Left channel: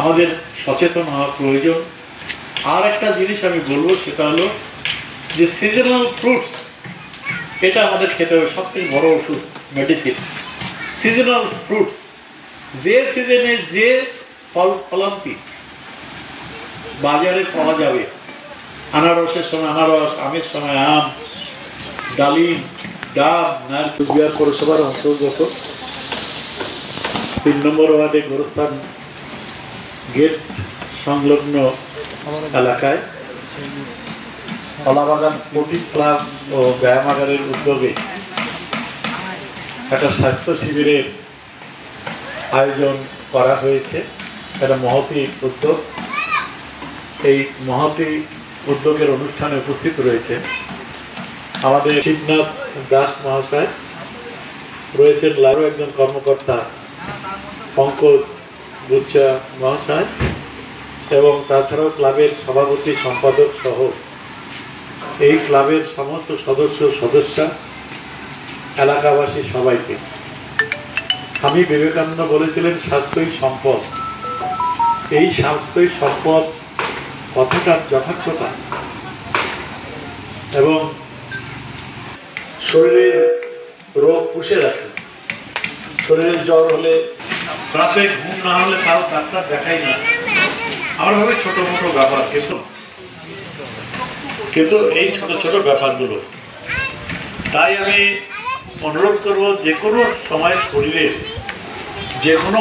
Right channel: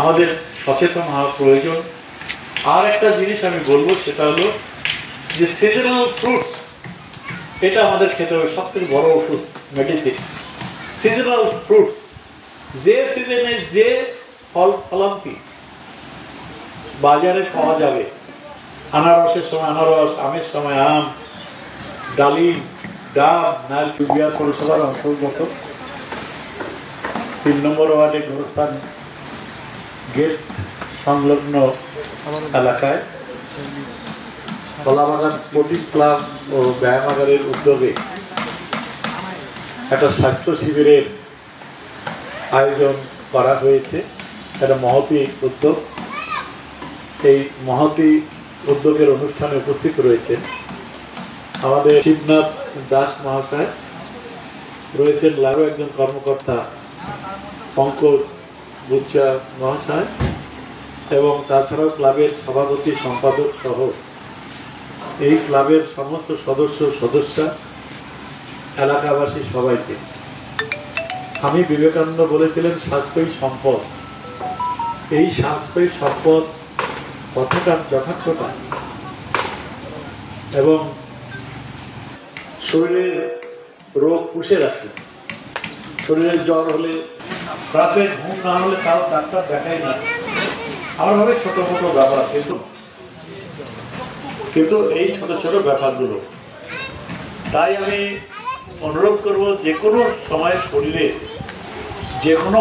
আমাদের সচেতন হওয়া প্রয়োজন। আর একটা জিনিস আমি বলবো, সেটা হলো যে সিজনাল ফ্রুটস, এটা আমাদের খেতে হবে, সবথেকে বড় ওষুধ, মেডিসিন। সিজনাল ফ্রুটস, যে সিজনে যে ফলান্তি বাজারে পাওয়া যাবে, আনারসের সময় আনারস, আমের সময় আম, ডালিম, ডাব, নারকেল। কুচবিহার পৌরসভার অন্তর্গত 3 নম্বর ওয়ার্ডে গোরস্থান গেট সংলগ্ন এলাকায় কলাবাগান স্পোর্টিং ক্লাব ও ব্যায়ামাগারের উদ্যোগে একটা স্বাস্থ্য শিবিরের আয়োজন করা হয়েছে। একটা মহতী উদ্যোগ। এই মহতী উদ্যোগের অনুষ্ঠানে উপস্থিত রয়েছেন আমাদের শিবনাথ দাস মহাশয়, রয়েছেন আরও একজন কর্মকর্তা পঙ্কজ গুচ্ছা মহাশয়, এবং তাছাড়াও ক্লাবের সভাপতি সম্পাদক সহ এই ক্লাবের সমস্ত সদস্য এলাকাবাসী সবাইকে। স্বামী বিবেকানন্দ বলেছিলেন স্বাস্থ্যই সম্পদ। এই স্বাস্থ্যই সম্পদ কথাটার যথার্থতা এবং শরীরের রোগ পুষে রাখে। শরীরের জ্বর হলে, রাতে ঘুম না হলে তাও ডাক্তার দেখাই না, আমার ভাবে ছোট মোটো ব্যাপার, কিন্তু এই ছোট ছোট ব্যাপারগুলো। তাই আমি অনুরোধ করবো, যে কোনো সময় শরীরে যে কোনো